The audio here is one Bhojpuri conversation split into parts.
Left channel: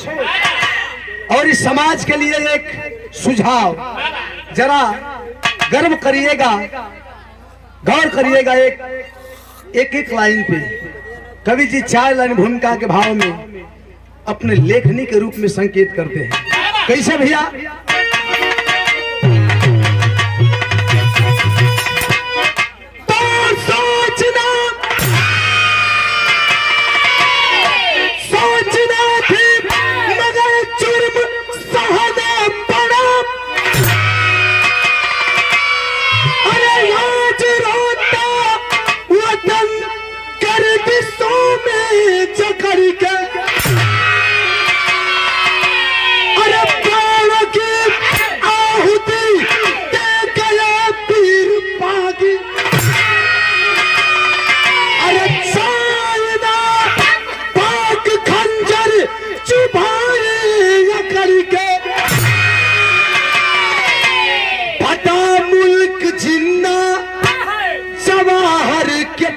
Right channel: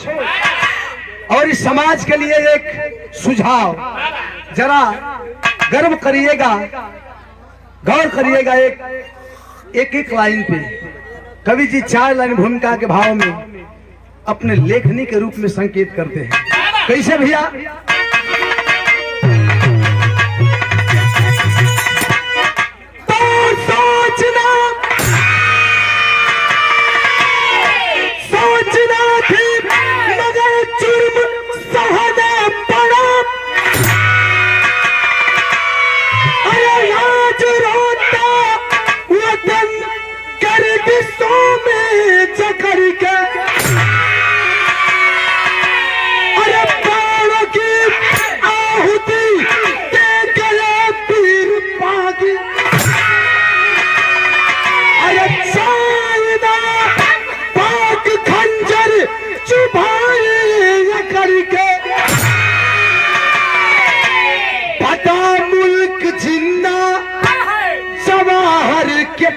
सोच और इस समाज के लिए एक सुझाव, जरा गर्व करिएगा, गौर करिएगा। एक लाइन पे कवि जी 4 लाइन भूमिका के भाव में अपने लेखनी के रूप में संकेत करते हैं। कैसे भैया?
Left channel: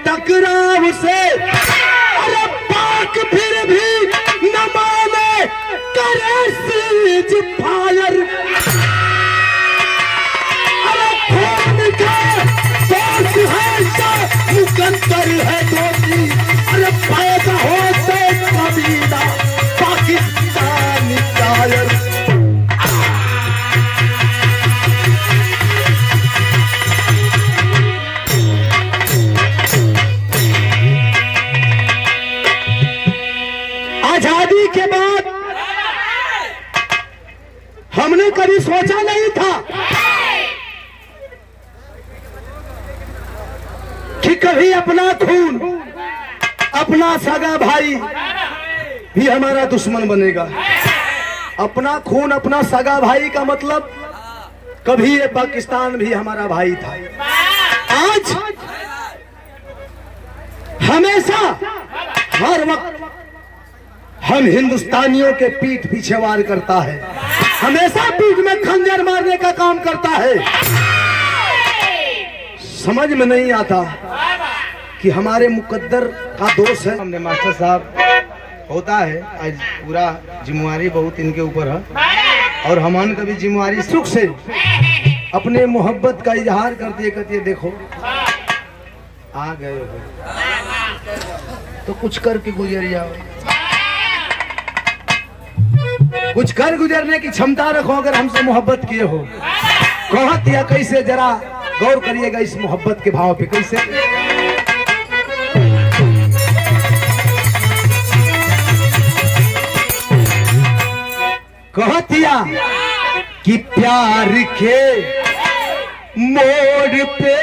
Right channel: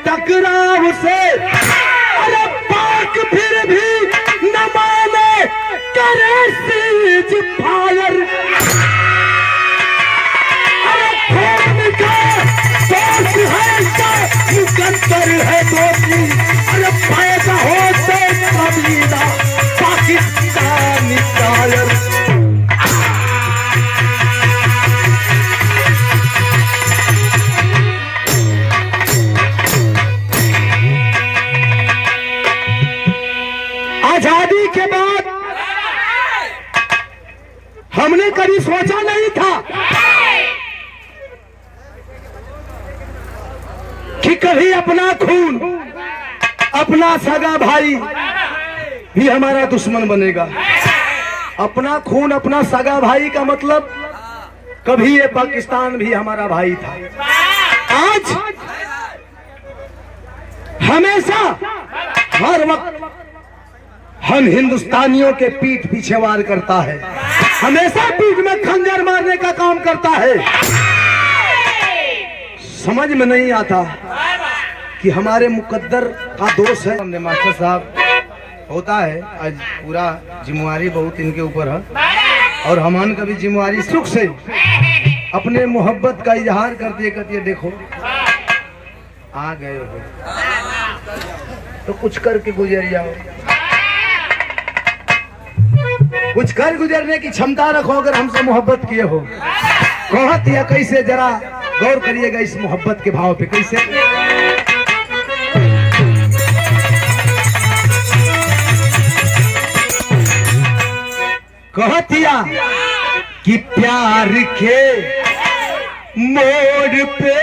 टकराव से अरे पाक फिर भी न माने करे सीज फायर। अरे खून का दोष है तो मुकद्दर है दोषी। अरे पैदा होते कबीला पाकिस्तानी कायर। आजादी के बाद हमने कभी सोचा नहीं था कि कभी अपना खून, अपना सगा भाई भी हमारा दुश्मन बनेगा। अपना खून, अपना सगा भाई का मतलब कभी ये पाकिस्तान भी हमारा भाई था। आज हमेशा हर वक्त हम हिंदुस्तानियों के पीठ पीछे वार करता है, हमेशा पीठ में खंजर मारने का काम करता है। समझ में नहीं आता कि हमारे मुकद्दर का दोष है। हमने मास्टर साहब होता है, आज पूरा जिम्मेवारी बहुत इनके ऊपर है और हमान का भी जिम्मेवारी सुख से अपने मोहब्बत का इजहार करते करते देखो आ गए हो तो कुछ करके गुजर जाओ। कुछ कर गुजरने की क्षमता रखो अगर हमसे मोहब्बत किए हो। कहत या कैसे, जरा गौर करिएगा इस मोहब्बत के भाव पे। कैसे? कहतिया कि प्यार के मोड़ पे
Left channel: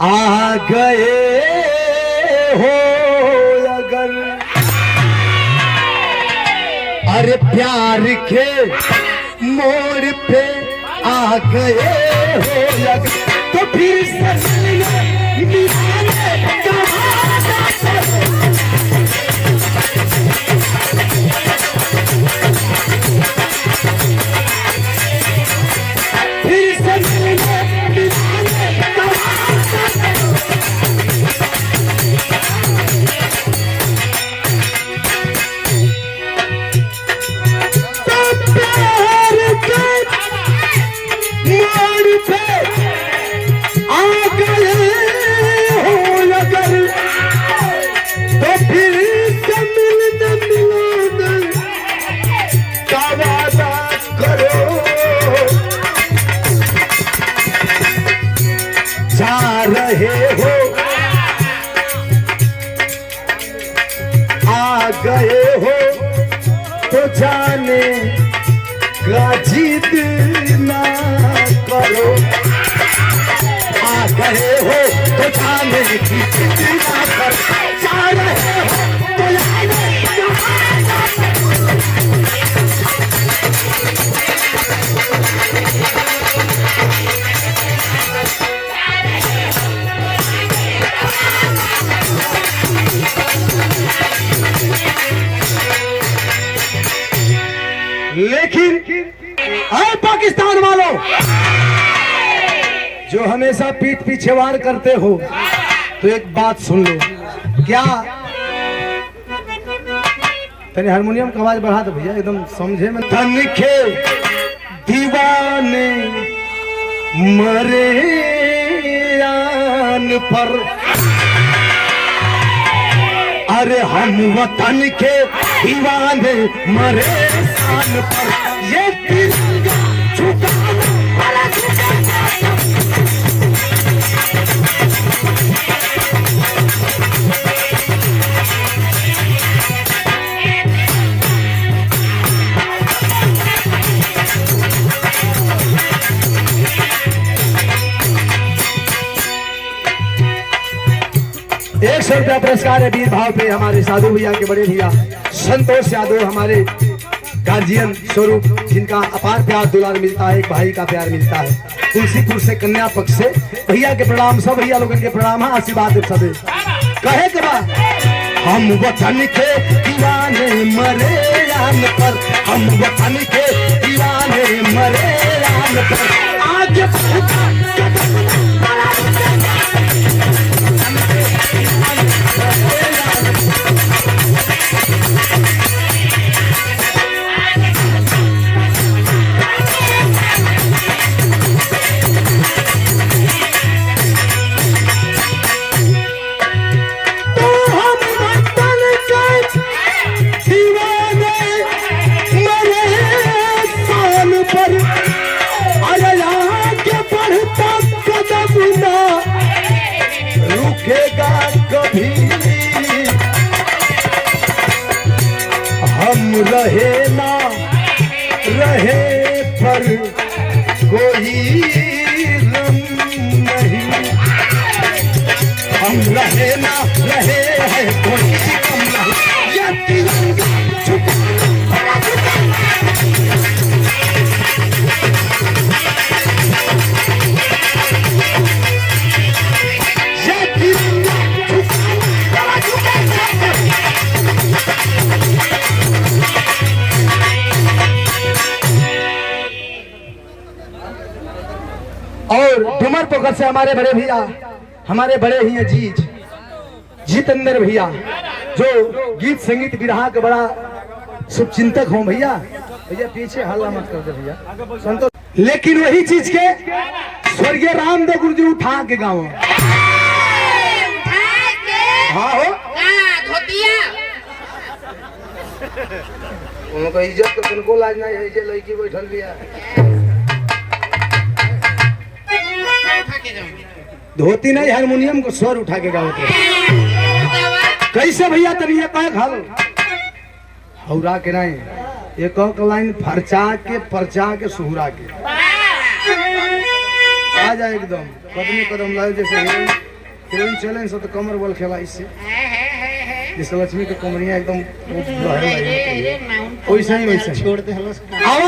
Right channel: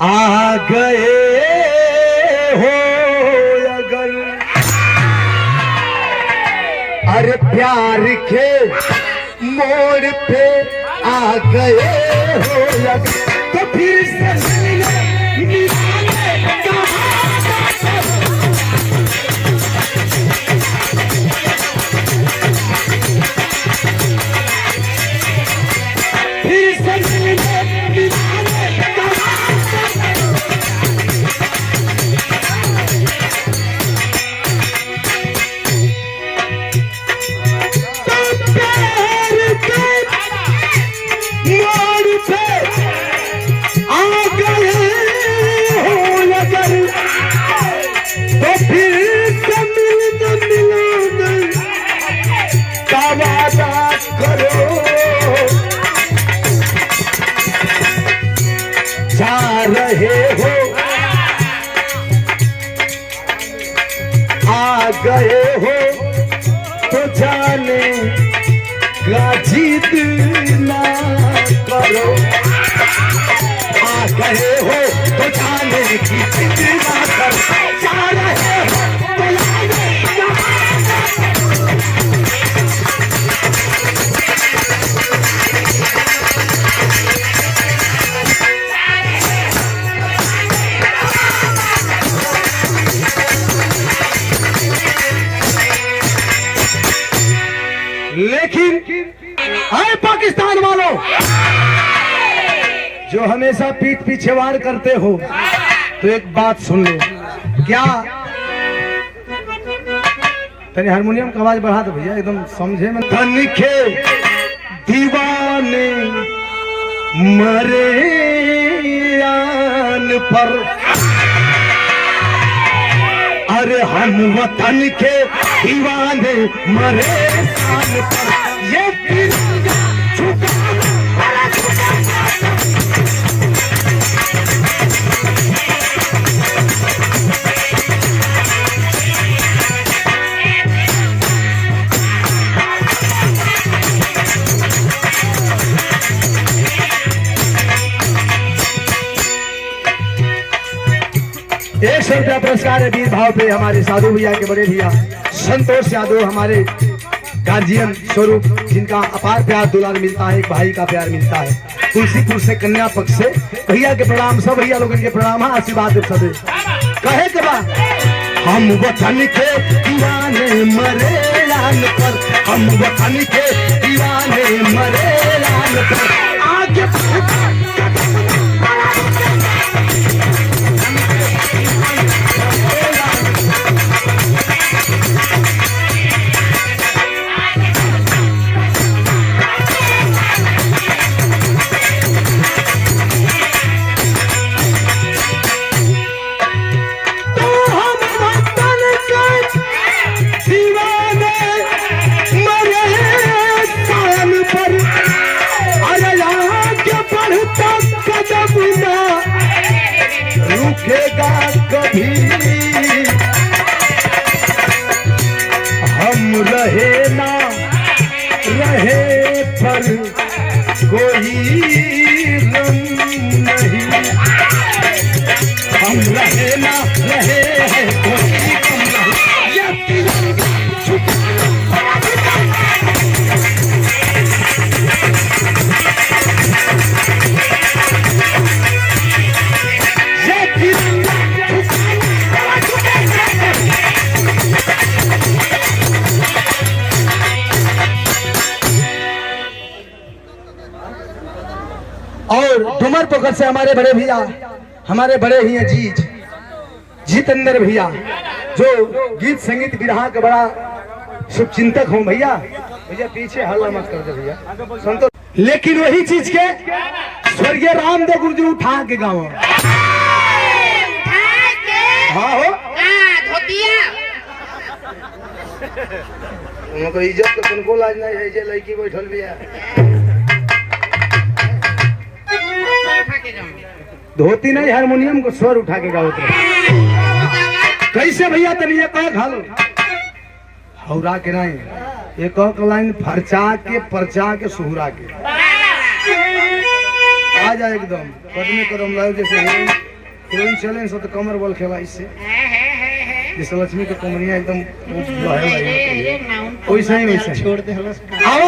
आ गए हो अगर, अरे प्यार के मोड़ पे आ गए हो अगर, तो फिर से गए हो तो जाने का जिद ना करो। आ गए हो तो जाने की जिद ना करो। जा रहे हो तो लेकिन आए पाकिस्तान वालों जो हमेशा पीठ पीछे वार करते हो, तो एक बात सुन लो। क्या तनी हारमोनियम की आवाज बढ़ा दो भैया, एकदम समझे में। धन के दीवाने मरे आन पर, अरे हम वतन के दीवाने मरे आन पर, ये तिरंगा झुकाना बड़ा एक सौ रुपया पुरस्कार है वीर भाव पे हमारे साधु भैया के बड़े भैया संतोष यादव, हमारे गार्जियन स्वरूप, जिनका अपार प्यार दुलार मिलता है, एक भाई का प्यार मिलता है। तुलसीपुर से कन्या पक्ष से भैया के प्रणाम, सब भैया लोगों के प्रणाम, आशीर्वाद सबे कहे के बाद। हम वतन के दीवाने मरे लान पर, हम वतन के दीवाने मरे लान पर, आगे रहे ना रहे पर कोई गम नहीं, हम रहे ना रहे हैं कोई गम नहीं, ये तिरंगा झुकाना और डुमर पोखर से हमारे बड़े भैया, हमारे बड़े ही अजीज जितेंद्र भैया, जो गीत संगीत विरहा का बड़ा शुभचिंतक हो भैया। भैया पीछे हल्ला मत कर दे भैया संतोष। लेकिन वही चीज के स्वर्गीय रामदेव गुरु जी उठा के गाँव, हाँ हो उनको इज्जत तो उनको लाज नहीं है, लड़की बैठल भैया धोती नहीं, हारमोनियम को स्वर उठा के गाओ। कैसे भैया तब ये कह खाल हौरा के नहीं, एक लाइन फरचा के परचा के सुहरा के आ जाए एकदम कदम कदम लाए, जैसे हिरोइन चले सो तो कमर बल खेला इससे, जिस लक्ष्मी के कमरिया एकदम वैसा ही वैसा छोड़ दे। आओ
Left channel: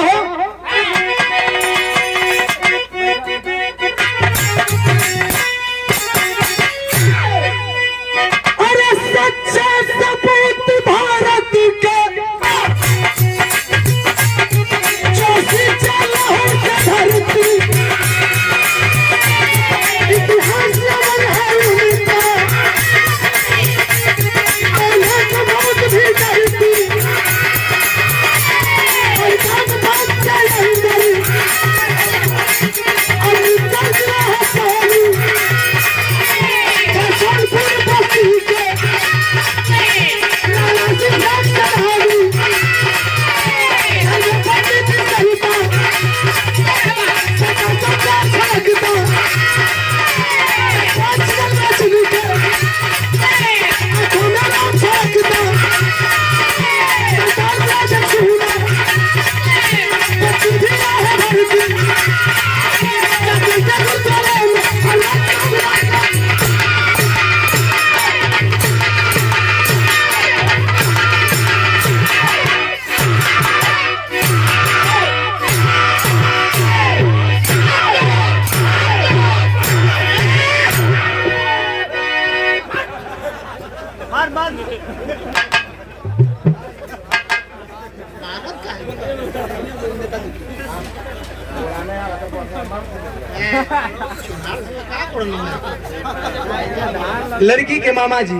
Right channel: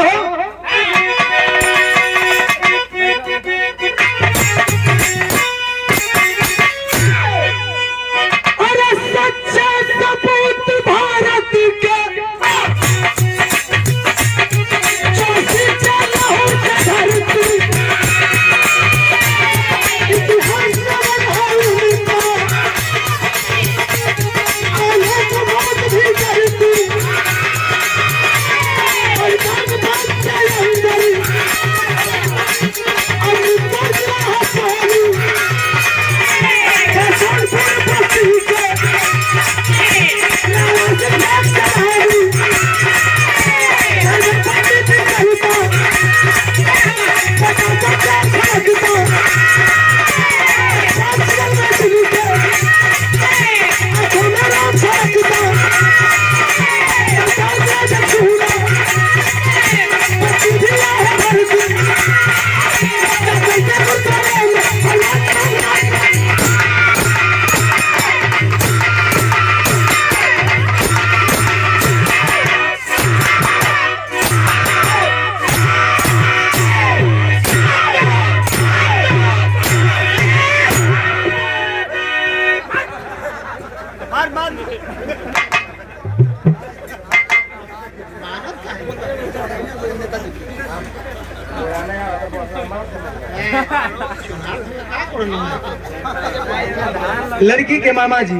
लड़की के मामा जी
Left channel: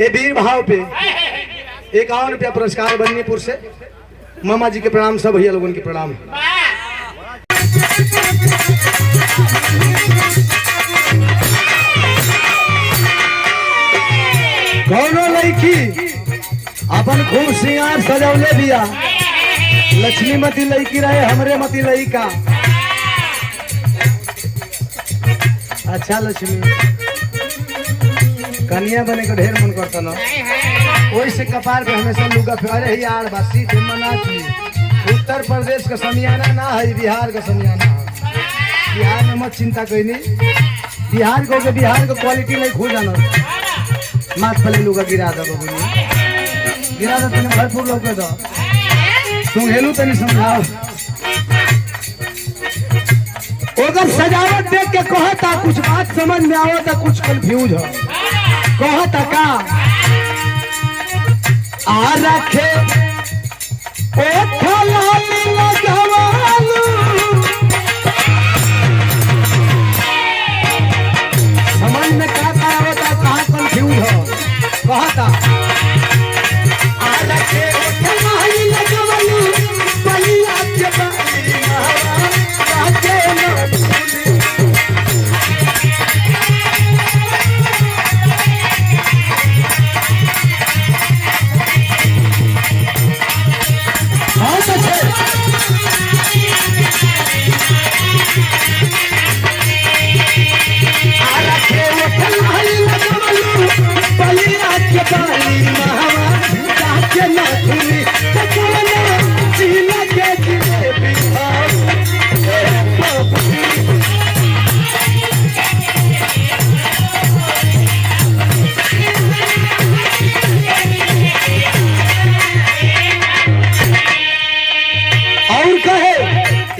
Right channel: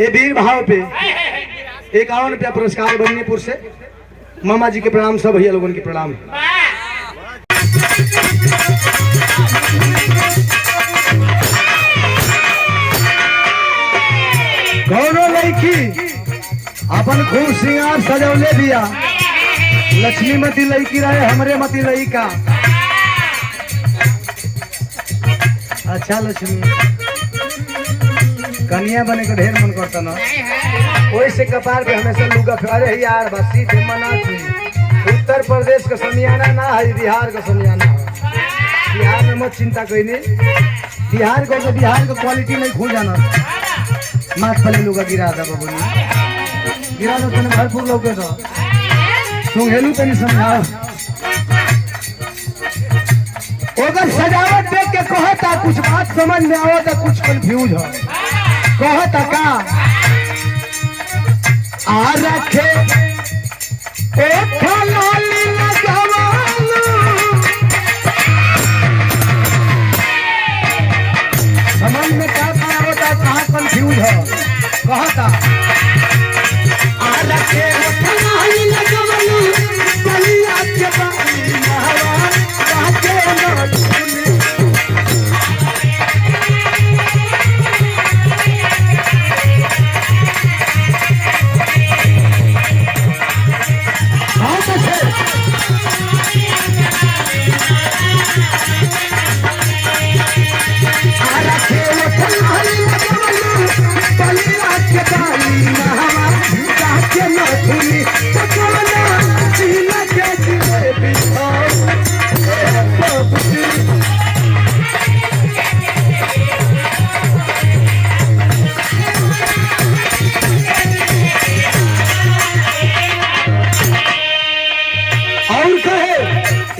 ये वीर भाव पे 51 रुपया पुरस्कार बन्नीपुर से। मामा जी के प्रणाम, सब भैया लोगों के प्रणाम। दोनों लड़की अपन खूब श्रृंगार सजौले दिया। लक्ष्मी मती लड़की रहे, हमरे मती लड़का। अच्छा लक्ष्मी कन्या बने का ढेर मन करता ना, वैसे कपार पे हमेशा लुगा फेरे ही यार बसी थे मना थी। उत्तर प्रदेश का समियाना ना है, बिहार का समियाना है। बिहार में मत चिंता कोई नहीं, बिहार को बिहार का क्वालिटी नहीं खो जाना। माथ पहले लुगा गिरा दे बाबू, गिरा दे तने भरपूर लोग के दो तुम हेलू तनी समझाओ। अगर सजावट देख के कहता कुछ बात समझ में आवता, कुछ कंफ्यूज हो कहता का आ रखे ओ लाल लगावालू। समझ में का आवता है, कहाँ कंफ्यूज हो कहता आ रखे लाल लगावालू बलिया के बाली महाराज के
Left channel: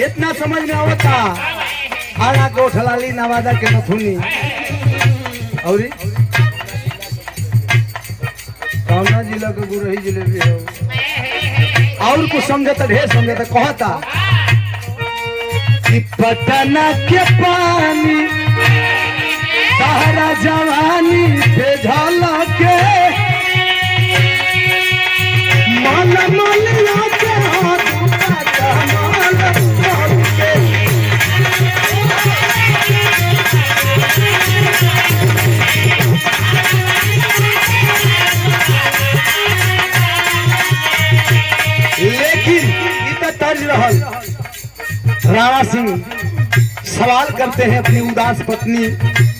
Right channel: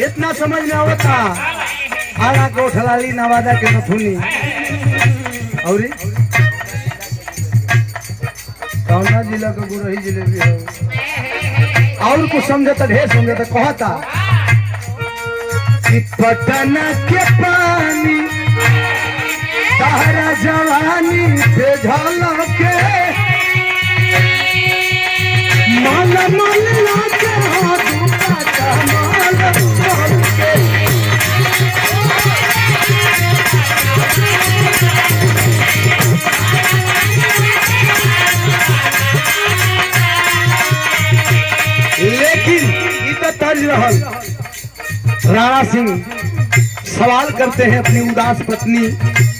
इतना समझ में होता। आरा कोठलाली नवादा के नथुनी और कौना जिला को गुरही जिले भी हो। और कुछ समझता, ढेर समझता कहता कि पटना के पानी तारा जवानी पे झलके माला माला के राणा सिंह सवाल करते हैं अपनी उदास पत्नी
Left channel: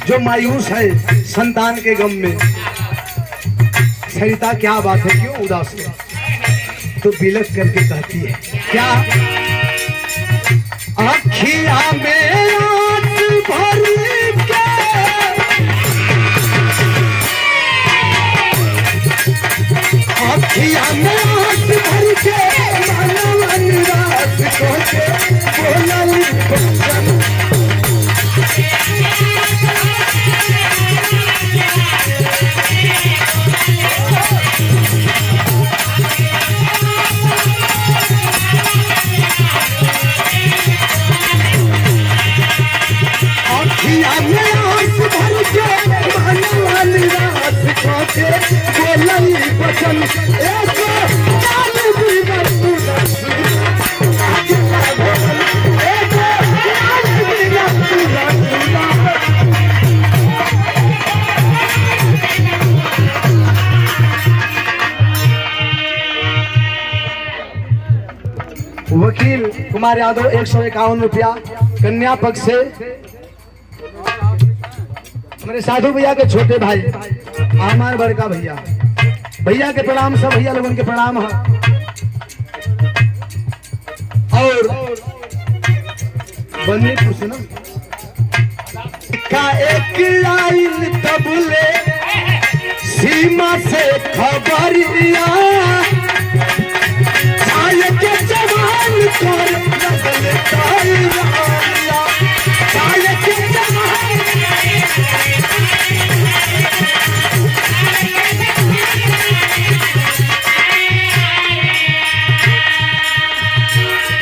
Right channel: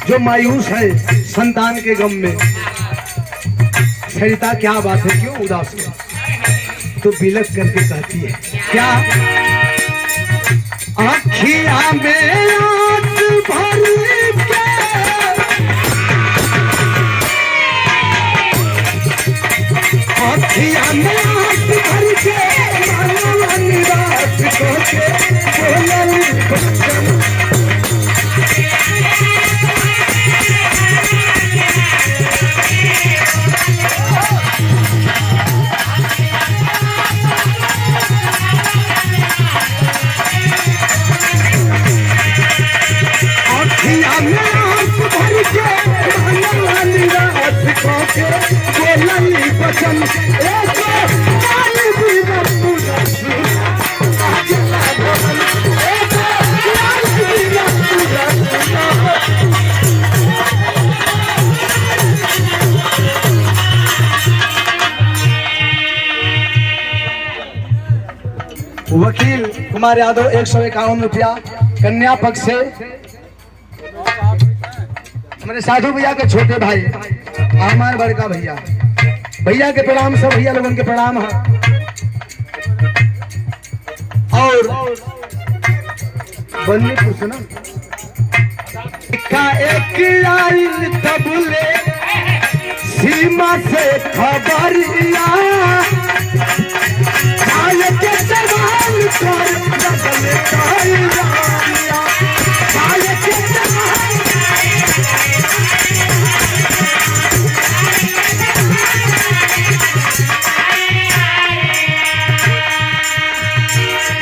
जो मायूस है संतान के गम में। सरिता क्या बात है, क्यों उदास है? तो बिलक करके कहती है क्या, आँखियाँ में आँख भर के आँखियाँ में आँख भर के वकील कुमार यादव 151 रुपया कन्या पक्ष से। हमारे साधु भैया के छोटे भाई आमार बड़का भैया, भैया के प्रणाम, सब भैया लोगों के प्रणाम है। और बन्नीपुर से ना एक आइल तबले सीमा से खबरिया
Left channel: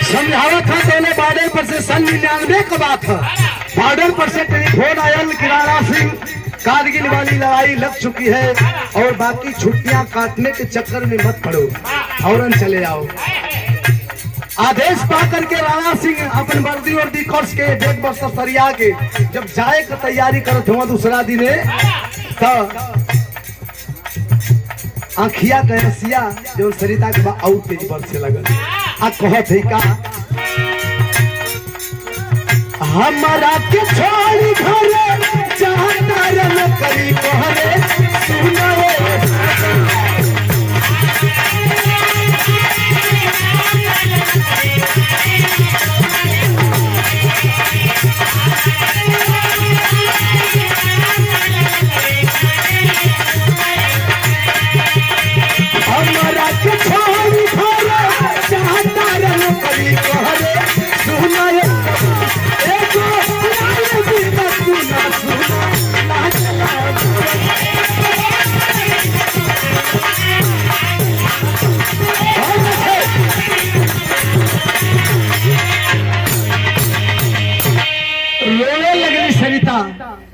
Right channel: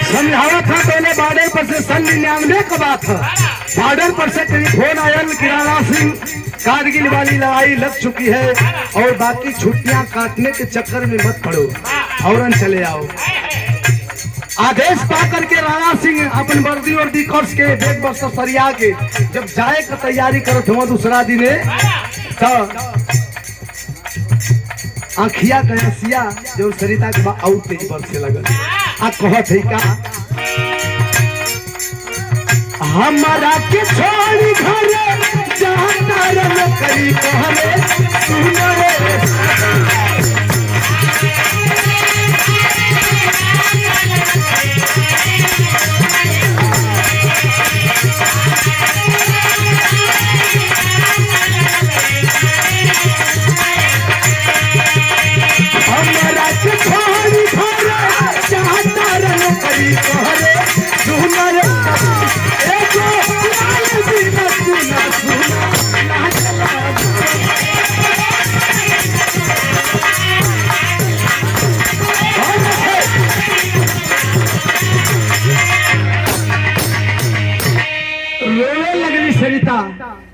समझावा था पहले बॉर्डर पर से 99 का बात है। बॉर्डर पर से टेलीफोन आयल कि राणा सिंह कारगिल वाली लड़ाई लग चुकी है और बाकी छुट्टियां काटने के चक्कर में मत पड़ो, फौरन चले आओ। आदेश पा करके राणा सिंह अपन वर्दी वर्दी कर्ज के डेढ़ वर्ष सरिया के जब जाए का तैयारी करत हुआ दूसरा दिन तो आखिया कहसिया जो सरिता के बाद आउट तेज बरसे लगल। आ कहत है का हमारा के छोड़ी घरे जाना रे करी कहरे सुनो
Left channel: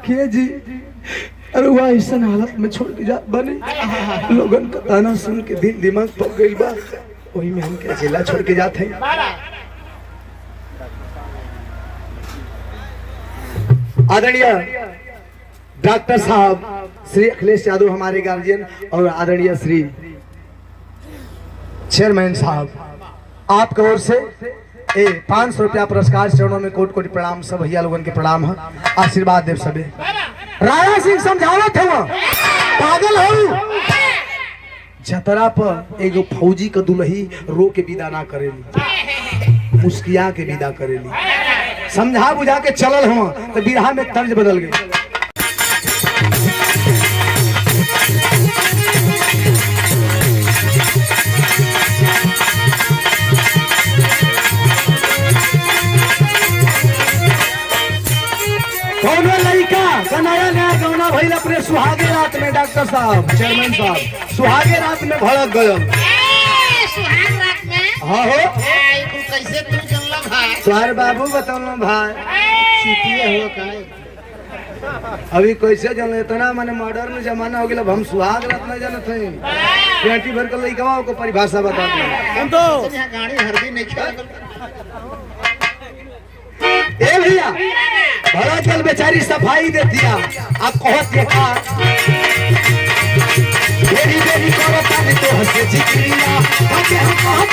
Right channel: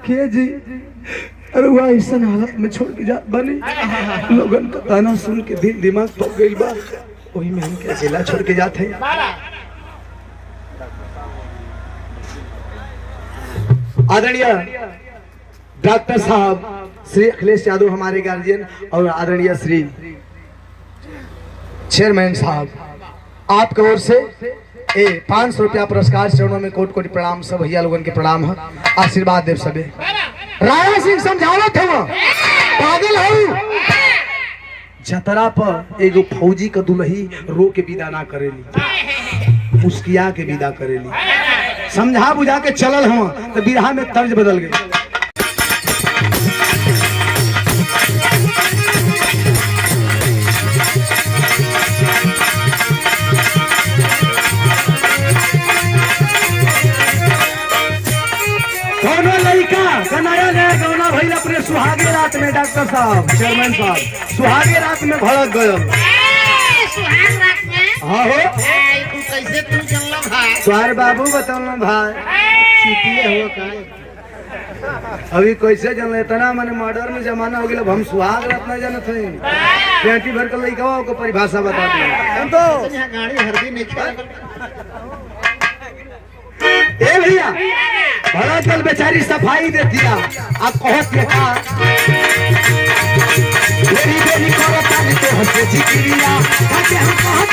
के जी। अरे वह ऐसा हालत में छोड़ के जा बने लोगन का ताना सुन के दिल दिमाग पर गई बा, वही में हम क्या जिला छोड़ के जाते हैं। आदरणीय डॉक्टर साहब श्री अखिलेश यादव हमारे गार्जियन और आदरणीय श्री चेयरमैन साहब, आपके ओर से 500 रुपया पुरस्कार चरणों में कोटि कोटि प्रणाम। सब भैया लोगों के प्रणाम है, आशीर्वाद देव सबे। राणा सिंह समझावत है पागल हो जतरा पर एगो फौजी का दुल्ही रो के विदा ना करेली, मुस्किया के विदा करेली। समझा बुझा के चलल हम तो बिरहा में तर्ज बदल गई। अपने सुहागे रात में डॉक्टर साहब चेयरमैन साहब सुहागे रात में भड़क गए। सुहाग रात में हाँ हो तू कैसे तू जंगला भाई तुम्हारे बाबू बताओ भाई सीटिए हो का अभी कैसे जन इतना माने मॉडर्न जमाना हो गया। अब हम सुहाग रात में जानते हैं पेटी भर कर लइकवा को परिभाषा बता दें तो गाड़ी हरदी नहीं खेल। ए भैया भड़ा दल बेचारी सफाई दे दिया। आप कहत ये का बेरी बेरी करो ताने तो हंसे जिक्रिया ताकि हम कहत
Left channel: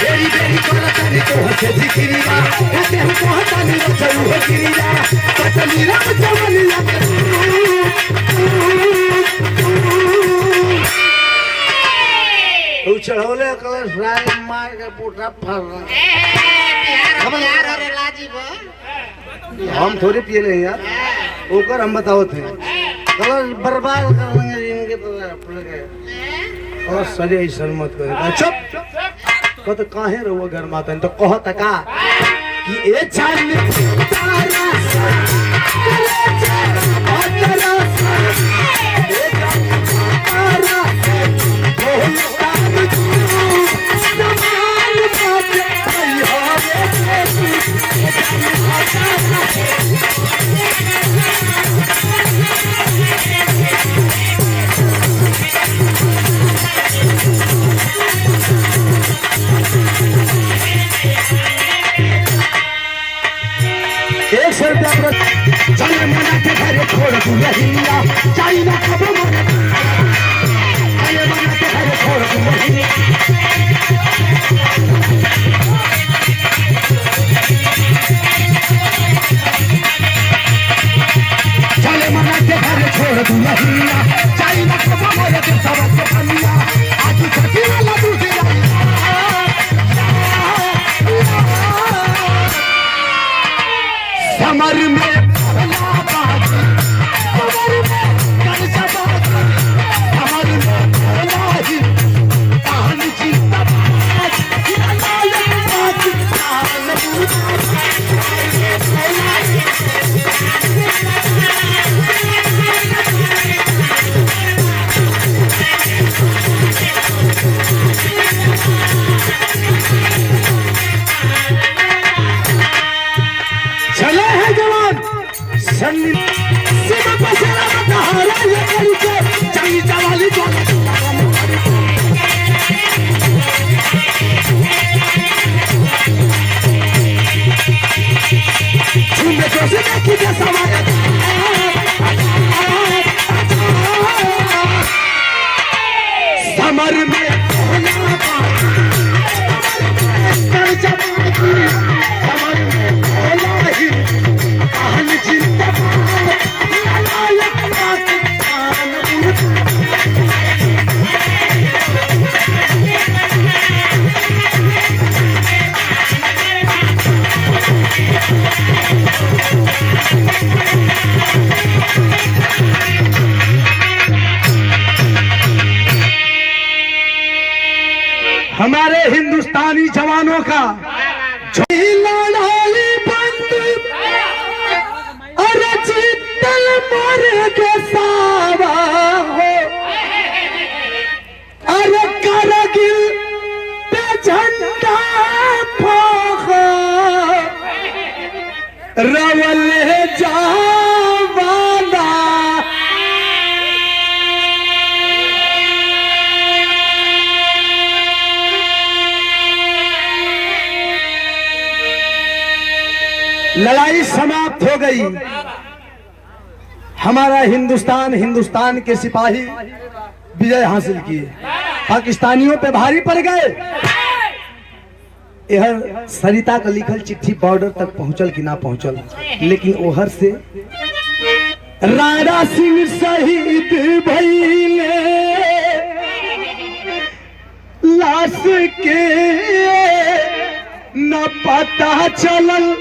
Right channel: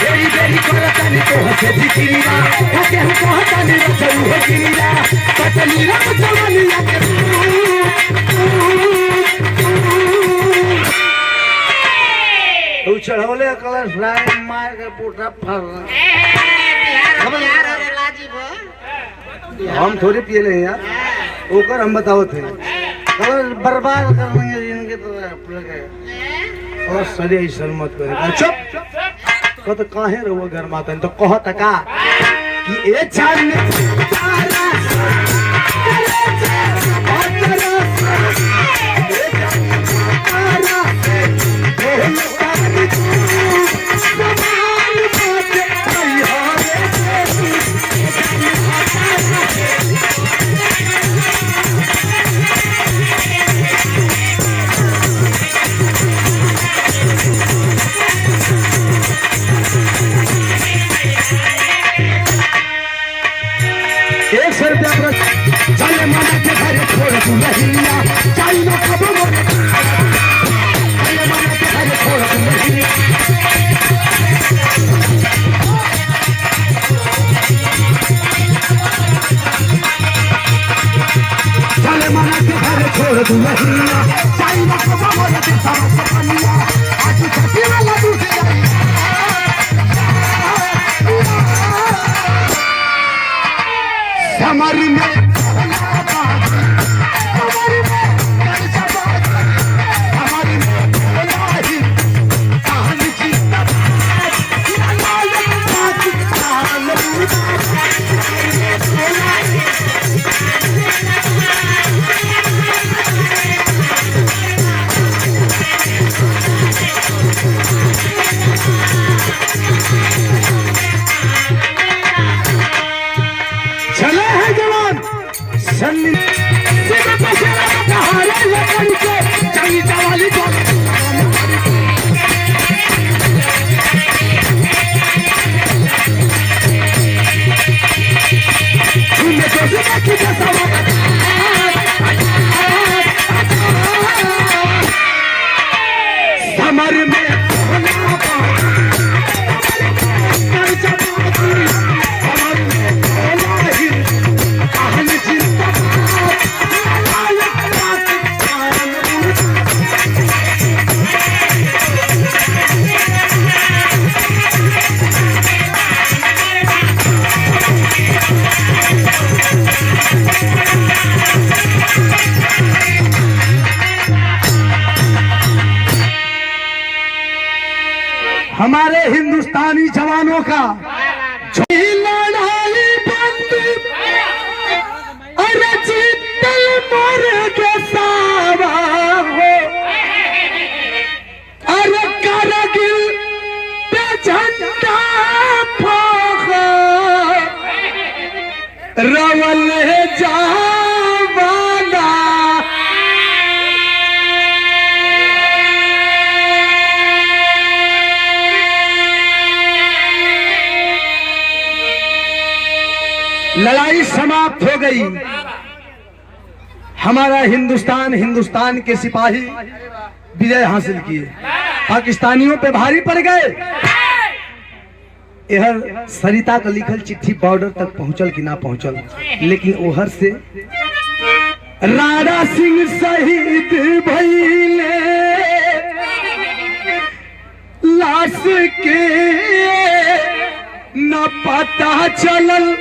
बेरी बेरी करो ताने तो हंसे जिक्रिया ताकि हम कहत नहीं चलू हो गिरिया पतली राम जवानी चढ़ौले कलर फ्राई मार के पूरा फर हम थोड़े पिए ले यार ओकर हम बताओ थे कलर बर्बाद कर लेंगे इनके तो और सजे ऐसा मत करे। चुप तो काहे रहो घर माता तो कहत का कि ए चांद सन्नी सिर पर चला हारा लकड़ी के चली चवाली को सुनने को से की जैसा समर में हमारे हिंदुस्तानी जवानों का लड़ाई बंद और जीतल मर के सावा हो और करगिल पे झंडा फहरो रवल जावाना लड़ाई समाप्त हो गई। हमारा हिंदुस्तान के सिपाही विजय हासिल किए, पाकिस्तानियों पे भारी पड़ गए। यह सरिता का लिखल चिट्ठी बॉर्डर तक पहुंचल कि ना पहुंचल, लेकिन ओहर से राणा सिंह शहीद भइले लाश के न पता चलल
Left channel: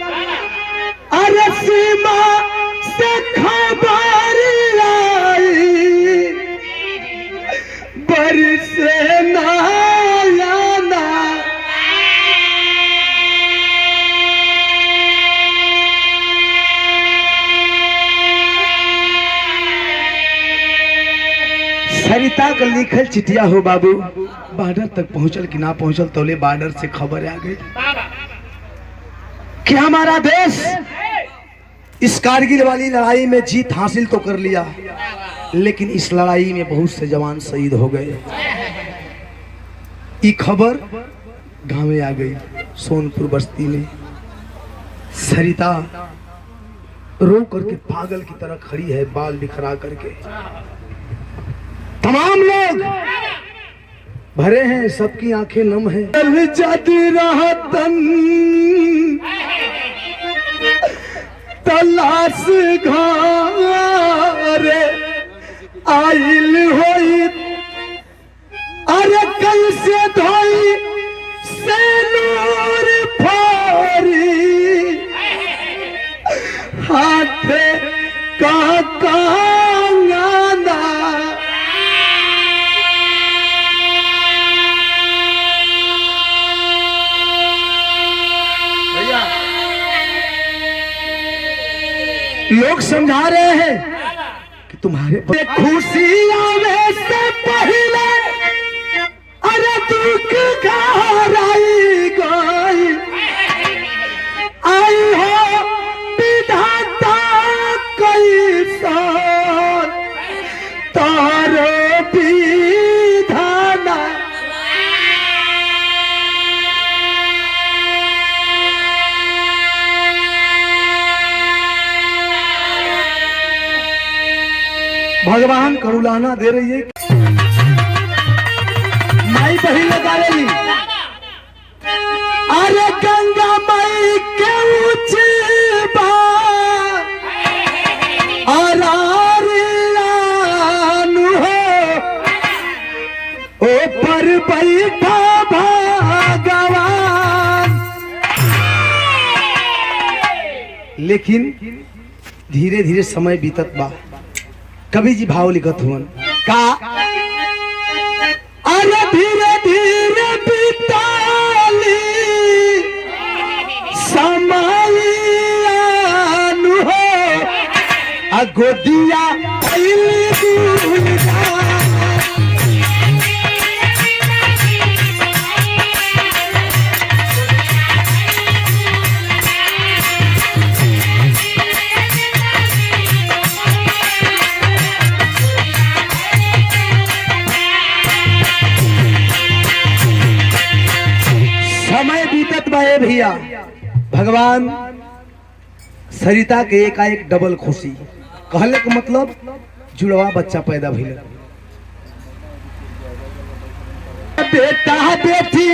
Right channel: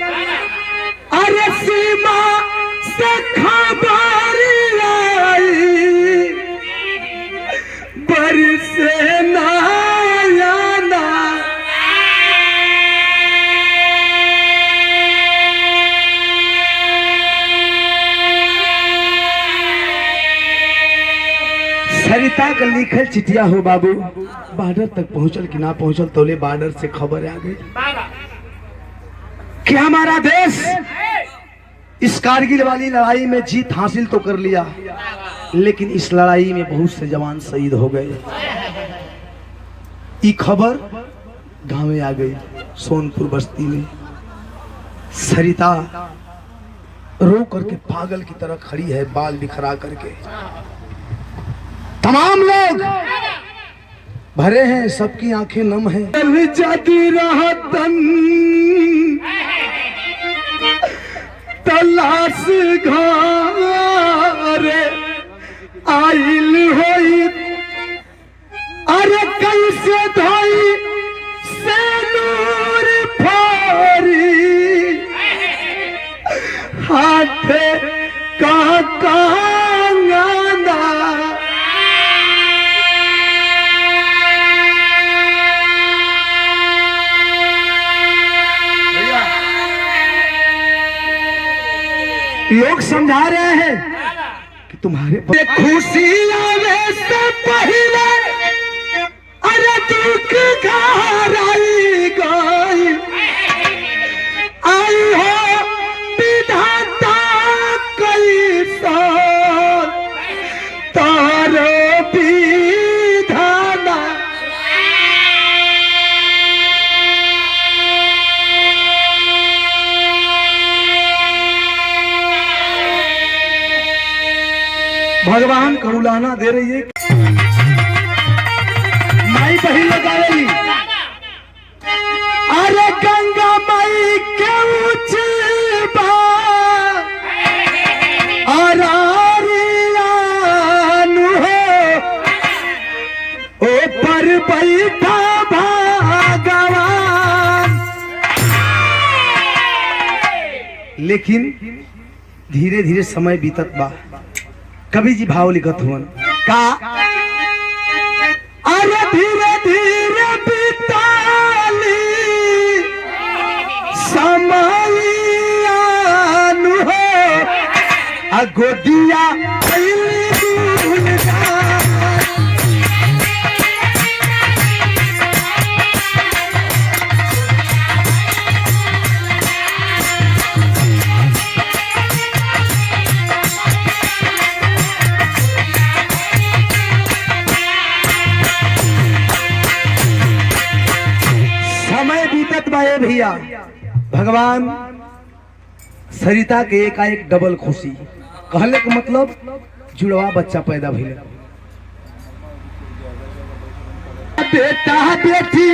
अरे सीमा से खबर आई बरसे नायाना सरिता का लिखल चिट्ठिया हो बाबू बॉर्डर तक पहुंचल कि ना पहुंचल, तोले बॉर्डर से खबर आ गई कि हमारा देश इस कारगिल वाली लड़ाई में जीत हासिल तो कर लिया, लेकिन इस लड़ाई में बहुत से जवान शहीद हो गए। ये खबर गांव में आ गई। सोनपुर बस्ती में सरिता रो करके पागल की तरह खड़ी है, बाल बिखरा करके। तमाम लोग भरे हैं, सबकी आंखें नम हैं। तलाश घर आइल होई अरे कैसे धोई से नूर फोरी हाथ का कांगना लोग समझा रहे हैं कि तुम्हारे खुशी आने से पहले अरे दुख घर आई गई आई हो विधाता कैसा तारो विधाना भगवान करुलाना दे रही है। माई बही लगा रही अरे गंगा माई के उचबा हो ओ पर बैठा भगवान। लेकिन धीरे धीरे समय बीतत बा। कवि जी भाव लिखत हुन का अरे धीरे धीरे बीताली समय हो गोदिया भैया भगवान सरिता के एकाएक डबल खुशी कहले के मतलब जुड़वा बच्चा पैदा भइल। बेटा बेटी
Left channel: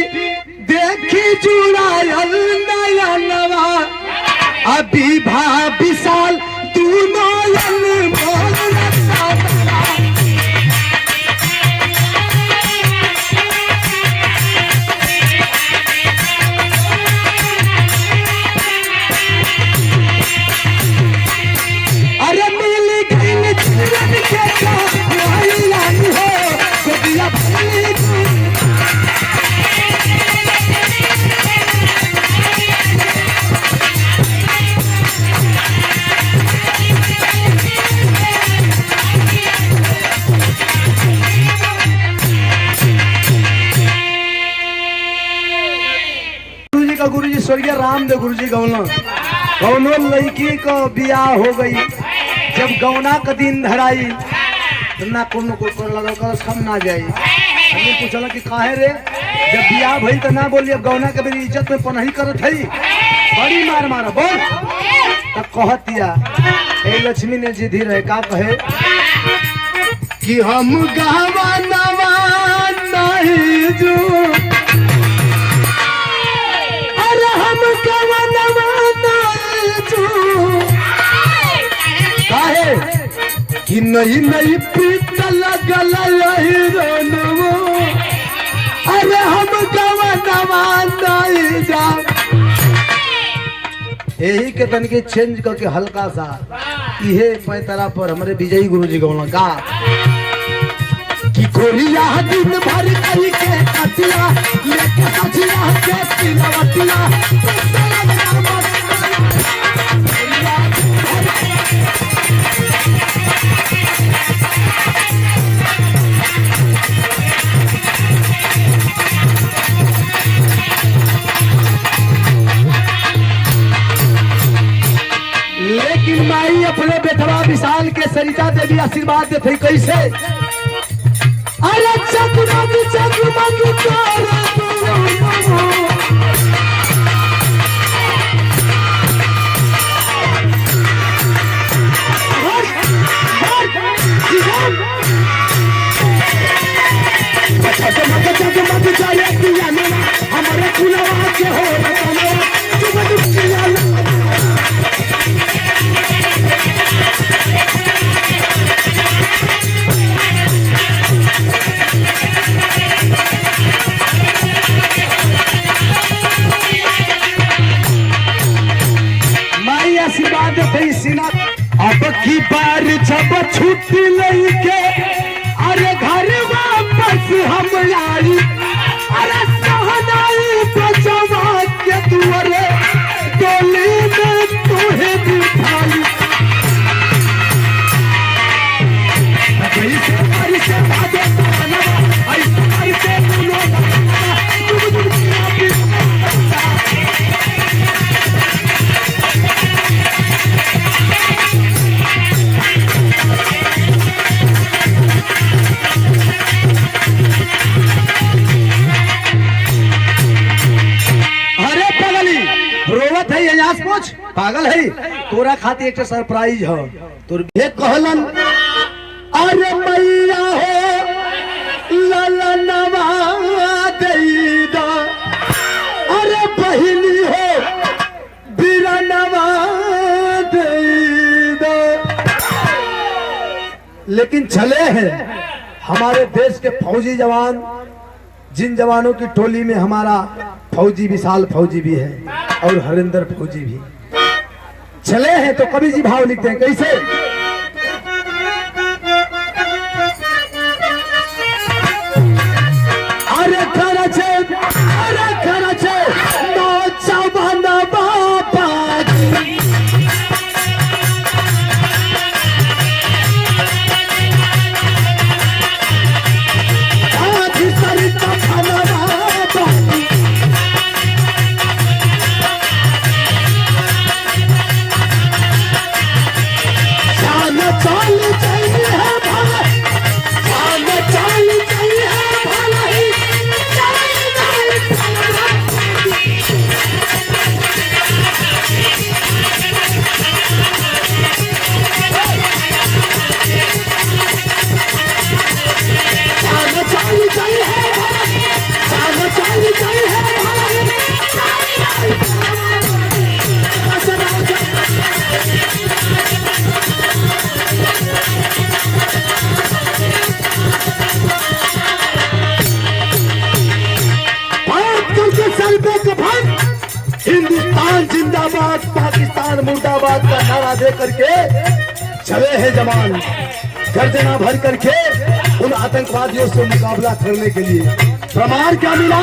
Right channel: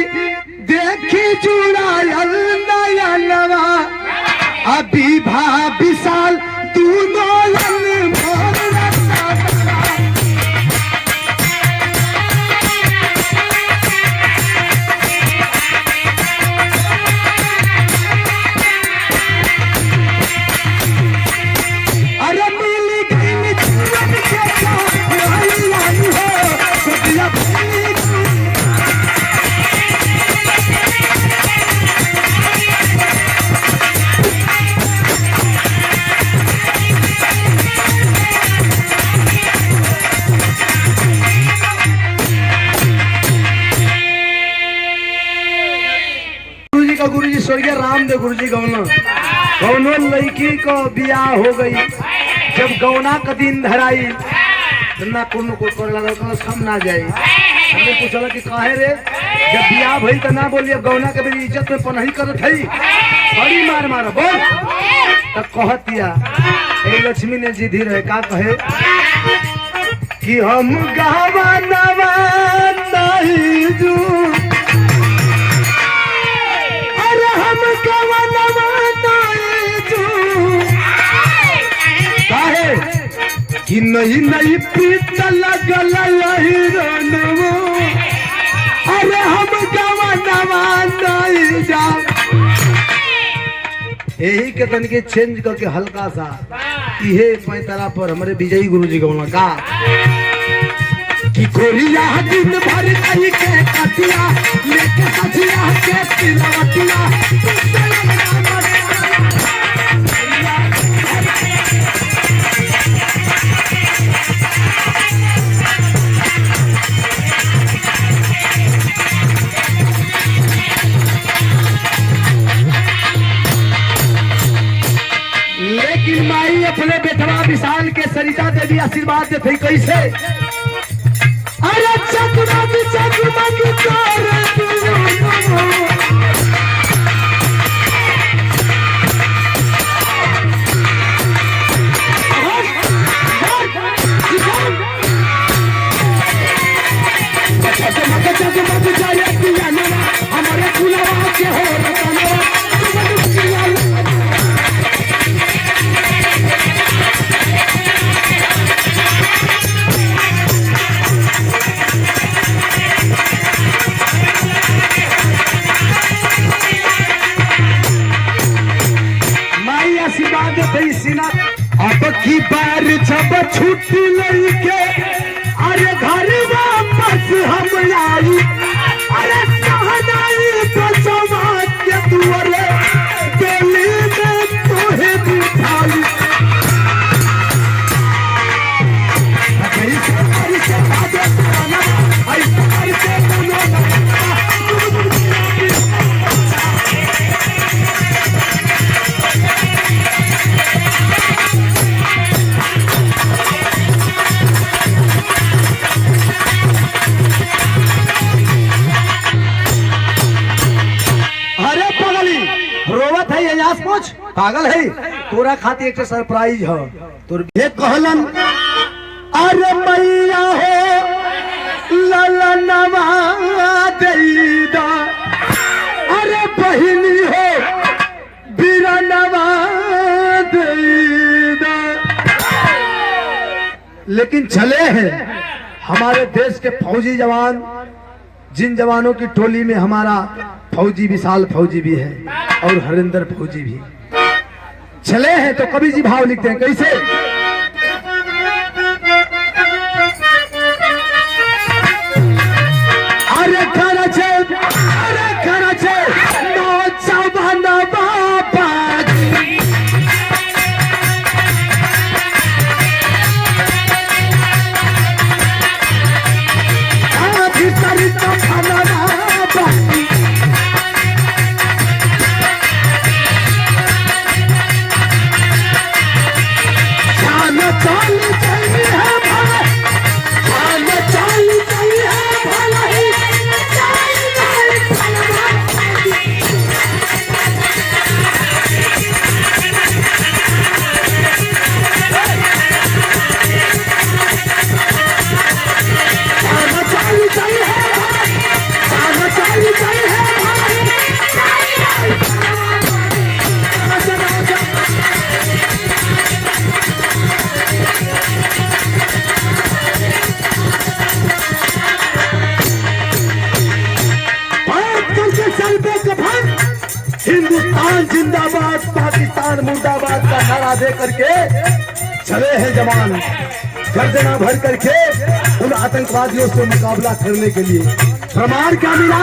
देखी जुड़ायल नया नवा अभी भा विशाल दोनों गुरुजी स्वर्गीय रामदेव गुरुजी गौनो लड़की को बियाह हो गई। जब गौना का दिन धराई ना कोनो को कर लगा कम ना जाए। हमने पूछल कि काहे रे जब बियाह भइल त ना बोलिए गौना के मेरी इज्जत में पनही करत हई बड़ी मार मार बोल त कहतिया ए लक्ष्मी ने जिधी रहे का कहे कि हम गावा नवा नहीं जो कि नहीं नहीं प्रीत लगल रनवो अरे हम गवा नवा नहीं जा। यही के तन के चेंज करके हल्का सा इहे पैतरा पर हमारे विजयी गुरुजी गौना का कि गोरिया दिन भर कई के कटिया लेके सजिया के तिलवटिया लेकिन माई अपने बेटवा विशाल के सरिता देवी आशीर्वाद देते कैसे अरे चकमक चकमक हमारे खुला के हो अब की बार जब छुट्टी लेके अरे घर वापस हम आई अरे सहनाई बचवा के तुअरे डोली में तोहे दिखाई अरे सवारी से भागो ताना अरे सवारी से बोलो पागल है तोरा खातिर एक सरप्राइज है तोर एक कहलन अरे मैया हो ललनवा देईदा अरे बहिनी हो बीरनवा देईदा। लेकिन चले हैं हमारे देश के फौजी जवान जिन जवानों की टोली में हमारा फौजी विशाल फौजी भी है और हरिंदर फौजी भी चले हैं तो कवि जी भाव लिखते हैं कैसे अरे खरचे नो चवन बाबा सहारा दे करके चले हैं जवान, गर्दना भर करके उन आतंकवादियों से मुकाबला करने के लिए। प्रमाण क्या मिला?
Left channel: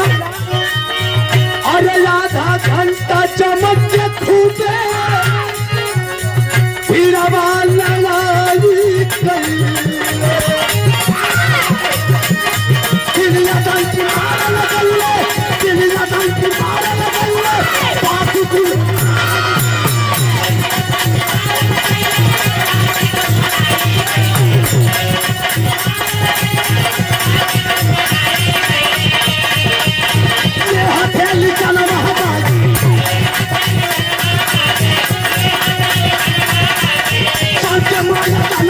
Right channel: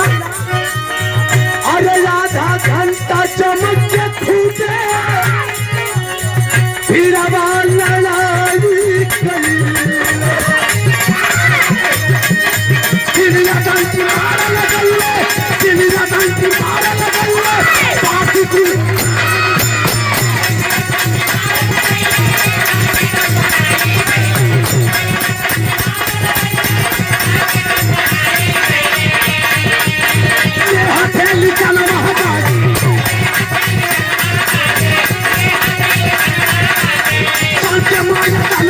अरे आधा घंटा चमक के खूबे हीराबान लड़ाई करी, चिड़िया बंसी मारे लगल, चिड़िया बंसी मारे लगल, बाकी की हथेली चल रहा सबके मारे चल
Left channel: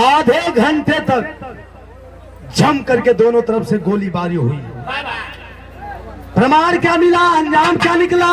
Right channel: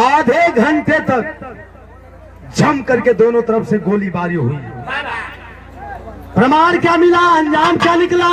आधे घंटे तक जम करके दोनों तरफ से गोलीबारी हुई। प्रमाण क्या मिला? अंजाम क्या निकला?